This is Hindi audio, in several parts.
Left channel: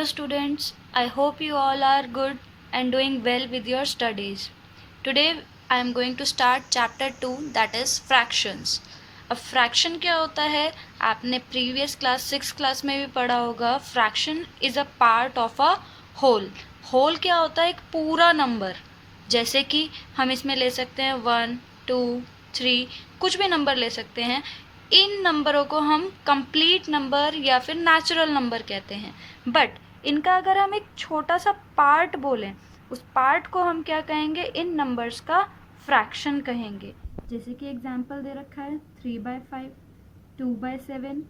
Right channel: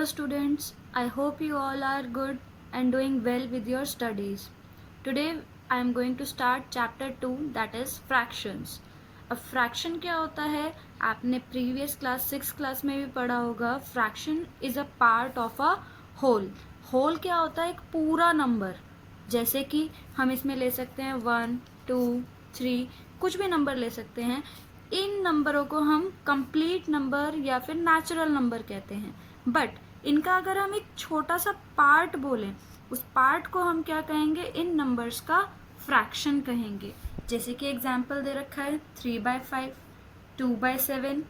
Hello students, I hope you all are good and doing well with your studies. Today I am going to start chapter 2, that is fractions. अब फ्रैक्शन क्या होता है, आपने प्रीवियस क्लास 6 क्लास में भी पढ़ा होगा. Fraction is a part of a whole. Whole क्या होता है, एक पूरा नंबर. जैसे कि हम इसमें ले सकते हैं 1, 2, 3, कुछ भी नंबर ले सकते हैं. इन नंबरों को हम कंप्लीट नंबर या फिर नेचुरल नंबर कहते हैं. बट इनका अगर हम एक छोटा सा पार्ट बोलें, उस पार्ट को हम क्या कहेंगे, इन नंबर्स का फ्रैक्शन कहेंगे. जैसे कि एग्जांपल दे रखा है 3/5, 2/7,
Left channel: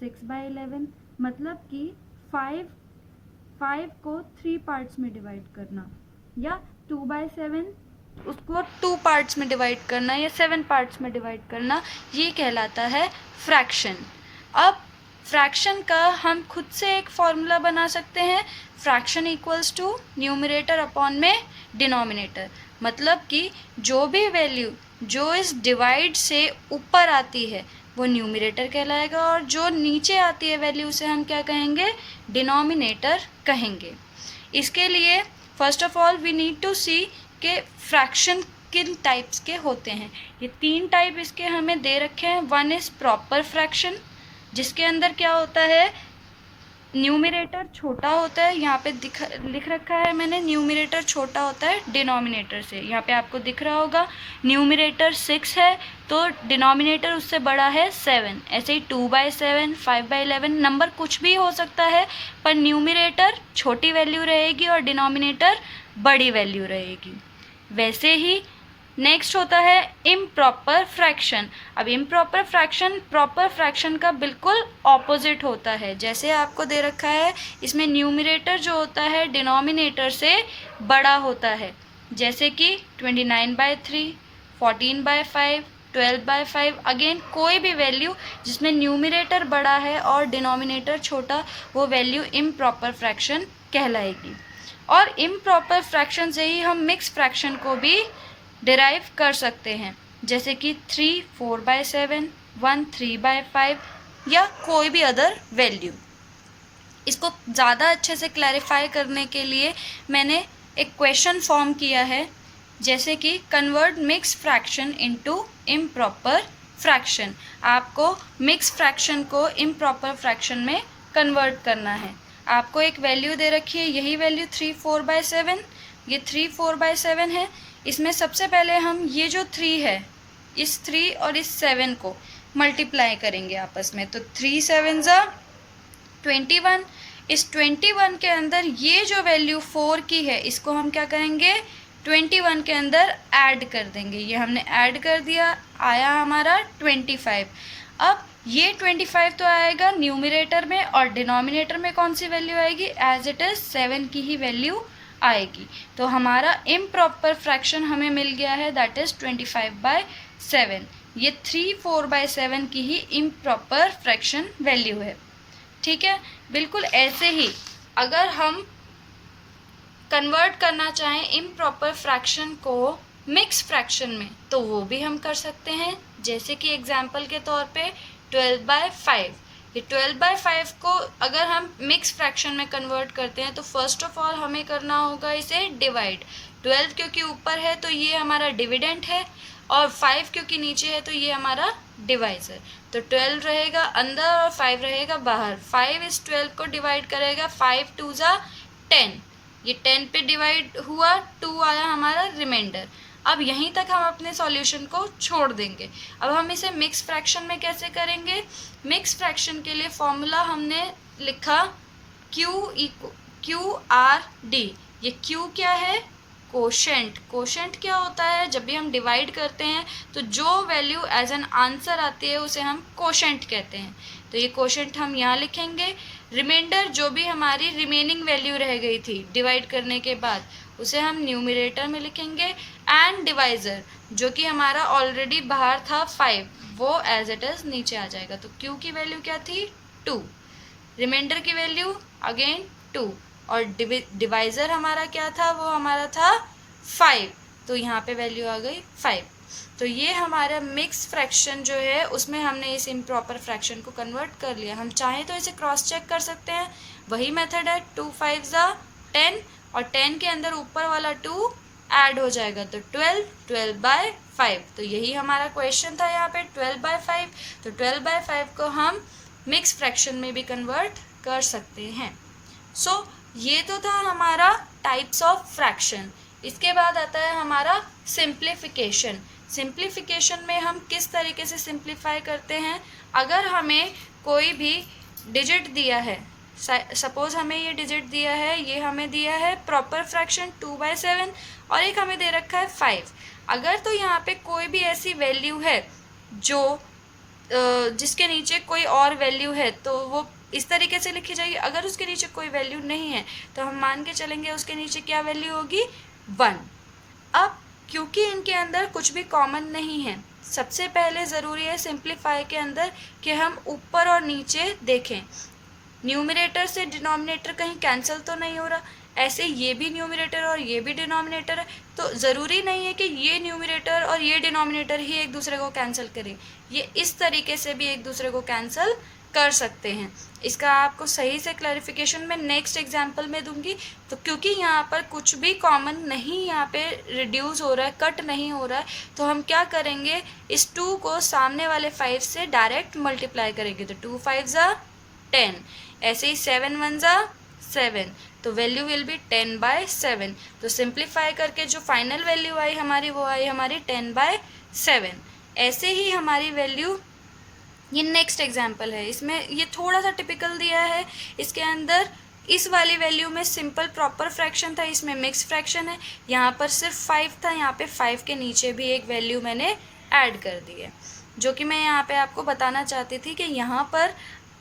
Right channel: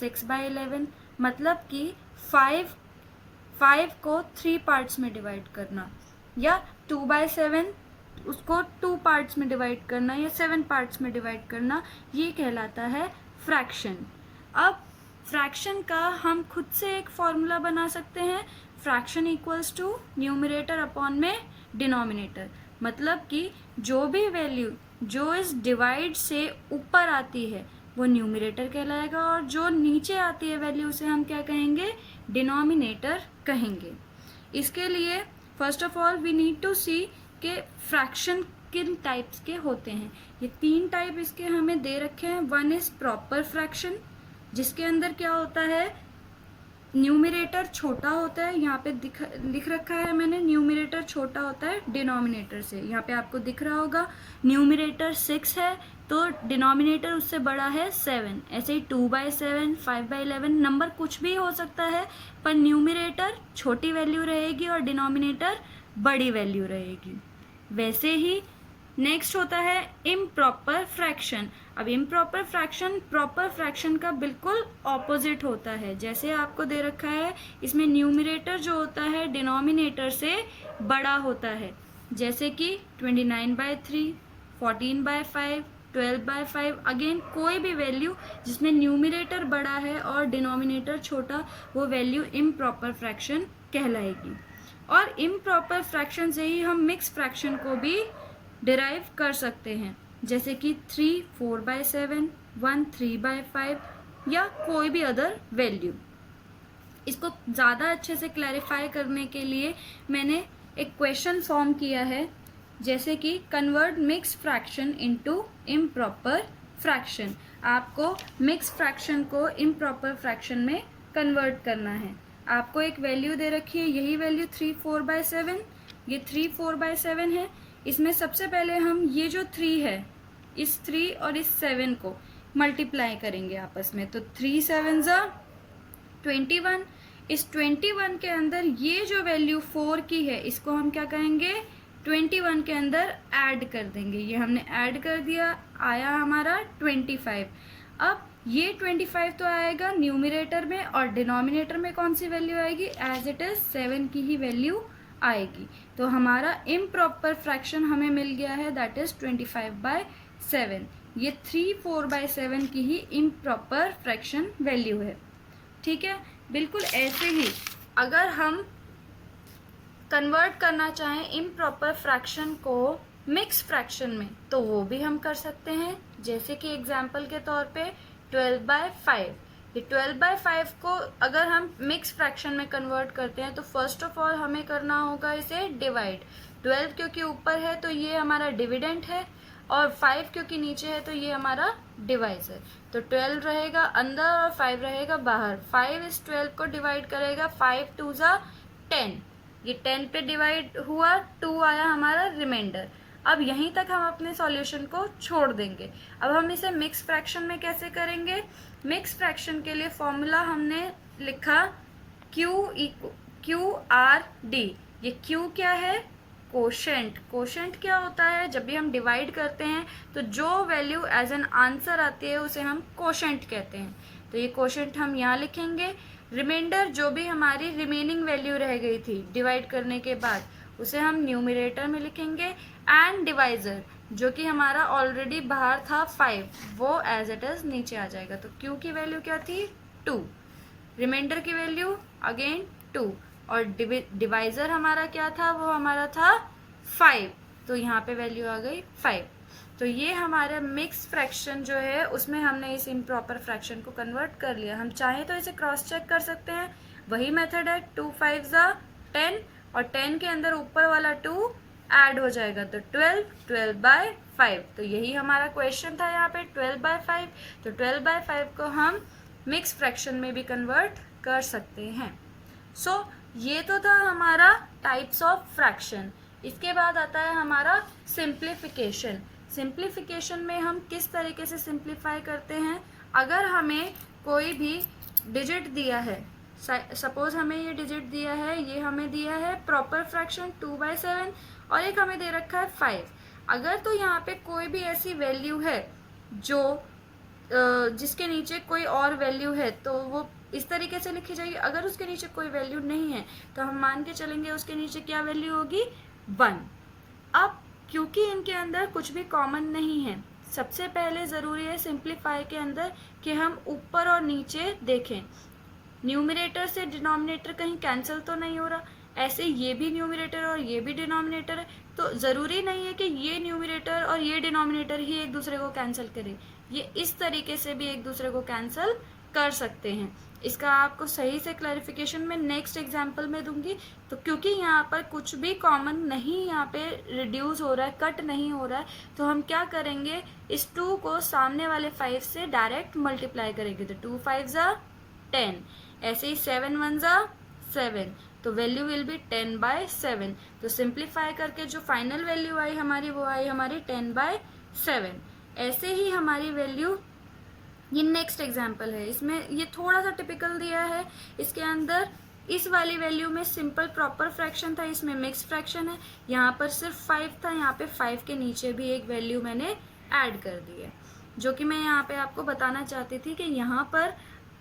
6/11. मतलब कि 5 को 3 पार्ट्स में डिवाइड करना, या 2/7 उसको 2 पार्ट्स में डिवाइड करना, या 7 पार्ट्स में डिवाइड करना, ये कहलाता है फ्रैक्शन. अब फ्रैक्शन का हम खुद से एक फॉर्मूला बना सकते हैं. Fraction equals to numerator upon में डिनोमिनेटर. मतलब कि जो भी वैल्यू जो इस डिवाइड से ऊपर आती है वो न्यूमरेटर कहलाएगा, और जो नीचे आती है वैल्यू उसे हम क्या कहेंगे, डिनोमिनेटर कहेंगे. इसके लिए first of all we need to see कि फ्रैक्शन किन टाइप्स के होते हैं. ये 3 टाइप इसके हमें दे रखे हैं. वन इज़ प्रॉपर फ्रैक्शन, जिसके अंदर क्या होता है, न्यूमरेटर छोटा होता है. यहाँ पे लिख रखा है मैंने, न्यूमरेटर छोटा होता है डिनोमिनेटर से. यहाँ पे आपको दिख रहा होगा न्यूमरेटर 6 है तो डिनोमिनेटर उससे बड़ा है 7. ऐसे ही 2/7, 5/11 नंबर कुछ भी हो सकता है, पर न्यूमरेटर छोटी वैल्यू रहेगी और डिनोमिनेटर बड़ी वैल्यू रहेगी. वैसे ही नेक्स्ट होता है इम्प्रॉपर फ्रैक्शन. अब इम्प्रॉपर फ्रैक्शन प्रॉपर फ्रैक्शन का बिल्कुल ऑपोजिट होता है. जैसे आपको दे रखा है, इसमें न्यूमरेटर जो होता है डिनोमिनेटर से बड़ा होता है. जैसे कि 29/3, 14/5, 12/5. अगेन कोई भी वैल्यू जिसमें न्यूमरेटर बड़ा है और डिनोमिनेटर छोटा, वो वैल्यू इम्प्रॉपर फ्रैक्शन कहलाएगी. और इम्प्रॉपर फ्रैक्शन से ही हम मिक्स फ्रैक्शन को भी डिराइव कर सकते हैं. जैसे कि 3 4/7, 1 3/5, या कोई भी अदर वैल्यू. इसको ज़्यादा अच्छे से क्लैरिफाई करने के लिए मैंने एक क्वेश्चन फॉर्म किया है. जैसे कि convert mix fraction into improper fraction. आपको मिक्स फ्रैक्शन को इम्प्रॉपर फ्रैक्शन में कन्वर्ट करना है. आपको एक वैल्यू दे रखी है, यही वैल्यू 3 4/7. ये 3 4/7 है. इसमें सबसे पहले हम ये जो 3 है, इस 3 और इस 7 को मल्टीप्लाई करेंगे आपस में. तो 3 7 21. इस 21 के अंदर ये जो वैल्यू 4 की है, इसको हम क्या करेंगे, 21 के अंदर ऐड कर देंगे. ये हमने ऐड कर दिया, आया हमारा 25. अब ये 25 तो आएगा न्यूमरेटर में, और डिनोमिनेटर में कौन सी वैल्यू आएगी, एज इट इज़ 7 की ही वैल्यू आएगी. तो हमारा इम्प्रॉपर फ्रैक्शन हमें मिल गया है, दैट इज़ 25/7. ये 3 4/7 की ही इम्प्रॉपर फ्रैक्शन वैल्यू है. ठीक है. बिल्कुल ऐसे ही अगर हम कन्वर्ट करना चाहें इम्प्रॉपर फ्रैक्शन को मिक्स फ्रैक्शन में, तो वो भी हम कर सकते हैं. जैसे कि एग्जाम्पल के तौर पे 12/5. ये 12/5 को अगर हम मिक्स फ्रैक्शन में कन्वर्ट करते हैं तो फर्स्ट ऑफ ऑल हमें करना होगा इसे डिवाइड. 12 क्योंकि ऊपर है तो ये हमारा डिविडेंट है, और 5 क्योंकि नीचे है तो ये हमारा डिवाइज़र. तो 12 रहेगा अंदर और 5 रहेगा बाहर. 5 इस 12 को डिवाइड करेगा, 5 2 10. ये 10 पे डिवाइड हुआ, 2 आया हमारा रिमाइंडर. अब यहीं तक हम अपने सॉल्यूशन को छोड़ देंगे. अब हम इसे मिक्स फ्रैक्शन में कैसे करेंगे. मिक्स फ्रैक्शन के लिए फॉर्मूला हमने लिखा QRD. ये Q क्या है, कोशेंट. कोशेंट क्या होता है, जब भी हम डिवाइड करते हैं तो जो वैल्यू एज एन आंसर आती है उसे हम कोशेंट कहते हैं. तो ये कोशेंट हम यहाँ लिखेंगे. रिमाइंडर जो भी हमारी रिमेनिंग वैल्यू रह गई थी डिवाइड करने के बाद, उसे हम न्यूमरेटर में लिखेंगे. एंड डिवाइज़र जो कि हमारा ऑलरेडी बाहर था 5, वो एज इट इज़ नीचे आ जाएगा. तो Q की वैल्यू क्या थी, 2. रिमाइंडर की वैल्यू अगेन 2, और डिवाइज़र हमारा क्या था, वो हमारा था 5. तो यहाँ पे वैल्यू आ गई 5. तो ये हमारा मिक्स फ्रैक्शन जो है उसमें हमने इस इम्प्रॉपर फ्रैक्शन को कन्वर्ट कर लिया। हम चाहें तो इसे क्रॉस चेक कर सकते हैं, वही मेथड है, 2 5 10 और 10 के अंदर ऊपर वाला 2 ऐड हो जाएगा तो 12, 12/5। तो यही हमारा क्वेश्चन था यहाँ पे 12/5। तो 12/5 को हम मिक्स फ्रैक्शन में भी कन्वर्ट कर सकते हैं। सो ये तो था हमारा टाइप्स ऑफ फ्रैक्शन। इसके बाद आता है हमारा सिंप्लीफिकेशन। सिंप्लीफिकेशन में हम किस तरीके से सिंप्लीफाई करते हैं, अगर हमें कोई भी डिजिट दिया है, सपोज हमें ये डिजिट दिया है, ये हमें दिया है प्रॉपर फ्रैक्शन 2/7 और एक हमें दे रखा है 5। अगर तो यहाँ पे कोई भी ऐसी वैल्यू है जो जिसके नीचे कोई और वैल्यू है तो वो इस तरीके से लिखी जाएगी। अगर उसके नीचे कोई वैल्यू नहीं है तो हम मान के चलेंगे उसके नीचे क्या वैल्यू होगी, 1। अब क्योंकि इनके अंदर कुछ भी कॉमन नहीं है, सबसे पहले ज़रूरी है सिंप्लीफाई के अंदर कि हम ऊपर और नीचे देखें, न्यूमरेटर से डिनोमिनेटर कहीं कैंसिल तो नहीं हो रहा। ऐसे ये भी न्यूमरेटर और ये भी डिनोमिनेटर है, तो ज़रूरी नहीं है कि ये न्यूमरेटर और ये डिनोमिनेटर ही एक दूसरे को कैंसिल करें, ये इस तरीके से भी एक दूसरे को कैंसिल कर सकते हैं। इसका आपको सही से क्लैरिफिकेशन मैं नेक्स्ट एग्जांपल में दूंगी। तो क्योंकि यहाँ पर कुछ भी कॉमन नहीं यहाँ पे रिड्यूस हो रहा है, कट नहीं हो रहा है, तो हम क्या करेंगे, इस 2 को सामने वाले 5 से डायरेक्ट मल्टीप्लाई करेंगे। तो 2 5 10, ऐसे ही 7 1 7, तो वैल्यू विल बी 10/7। तो सिंप्लीफाई करके जो फाइनल वैल्यू आई हमारी वो आई हमारी 10/7। ऐसे ही हमारी वैल्यू, ये नेक्स्ट एग्जाम्पल है, इसमें ये थोड़ा सा टिपिकल दिया है। इसके अंदर इस वाली वैल्यू में सिंपल प्रॉपर फ्रैक्शन था, इसमें मिक्स फ्रैक्शन है। यहाँ पर सिर्फ 5 था, यहाँ पे 5 के नीचे भी एक वैल्यू मैंने ऐड कर दी है, जो कि मैं यहाँ पे आपको बताना चाहती थी कि यहाँ पर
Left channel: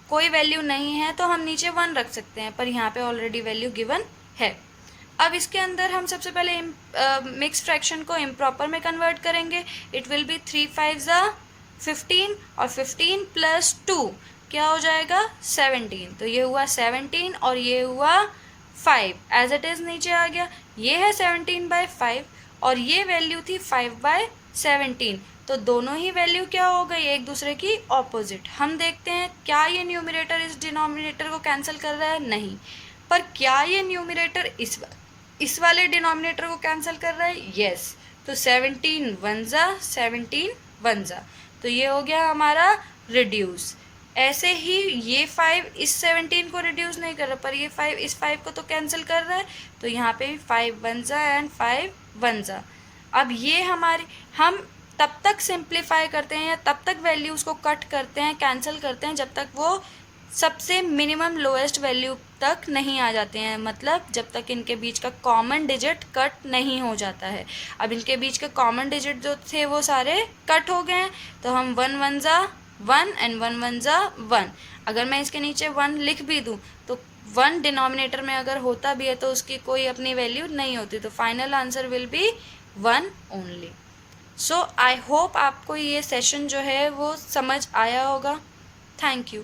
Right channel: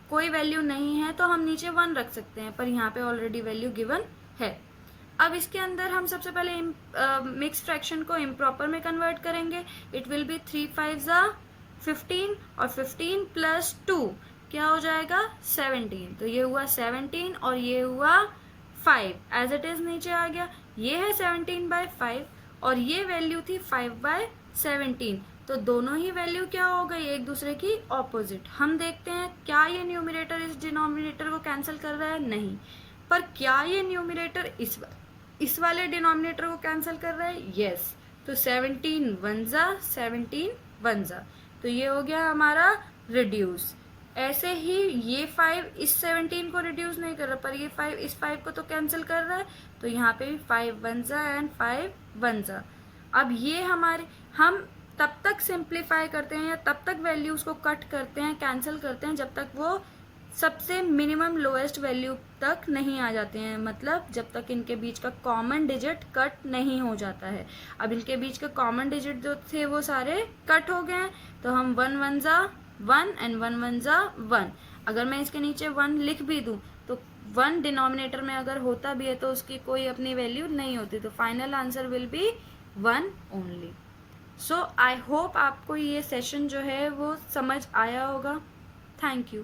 कोई वैल्यू नहीं है तो हम नीचे 1 रख सकते हैं, पर यहाँ पे ऑलरेडी वैल्यू गिवन है। अब इसके अंदर हम सबसे पहले मिक्स फ्रैक्शन को इम्प्रॉपर में कन्वर्ट करेंगे। इट विल बी 3 5 15 और 15 + 2 क्या हो जाएगा, 17। तो ये हुआ 17 और ये हुआ 5, एज इट इज़ नीचे आ गया। ये है 17/5 और ये वैल्यू थी 5/17। तो दोनों ही वैल्यू क्या हो गई, एक दूसरे की ऑपोजिट। हम देखते हैं क्या ये न्यूमरेटर इस डिनोमिनेटर को कैंसिल कर रहा है, नहीं। पर क्या ये न्यूमरेटर इस वाले डिनोमिनेटर को कैंसिल कर रहा है, यस। तो 17 1 17 1, तो ये हो गया हमारा रिड्यूस। ऐसे ही ये 5 इस 17 को रिड्यूस नहीं कर रहा, पर ये 5 इस 5 को तो कैंसिल कर रहा है। तो यहाँ पे भी 5 1 एंड 5 1। अब ये हमारी, हम तब तक सिंप्लीफाई करते हैं या तब तक वैल्यूज़ को कट करते हैं, कैंसिल करते हैं, जब तक वो सबसे मिनिमम लोएस्ट वैल्यू तक नहीं आ जाते हैं, मतलब जब तक इनके बीच का कॉमन डिजिट कट नहीं हो जाता है। अब इनके बीच के कॉमन डिजिट जो थे वो सारे कट हो गए हैं, तो हम 1 1 1 एंड 1 1 1। अगर मैं इसके नीचे 1 लिख भी दूँ तो 1 डिनोमिनेटर में अगर होता भी है तो उसकी कोई अपनी वैल्यू नहीं होती, तो final answer will be 1 only. So I hope आपको ये सेशन जो है वो समझ आया होगा। Thank you.